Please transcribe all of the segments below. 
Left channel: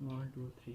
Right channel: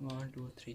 1 2 3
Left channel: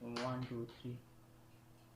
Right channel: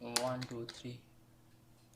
1 2 3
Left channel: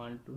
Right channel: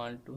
1 2,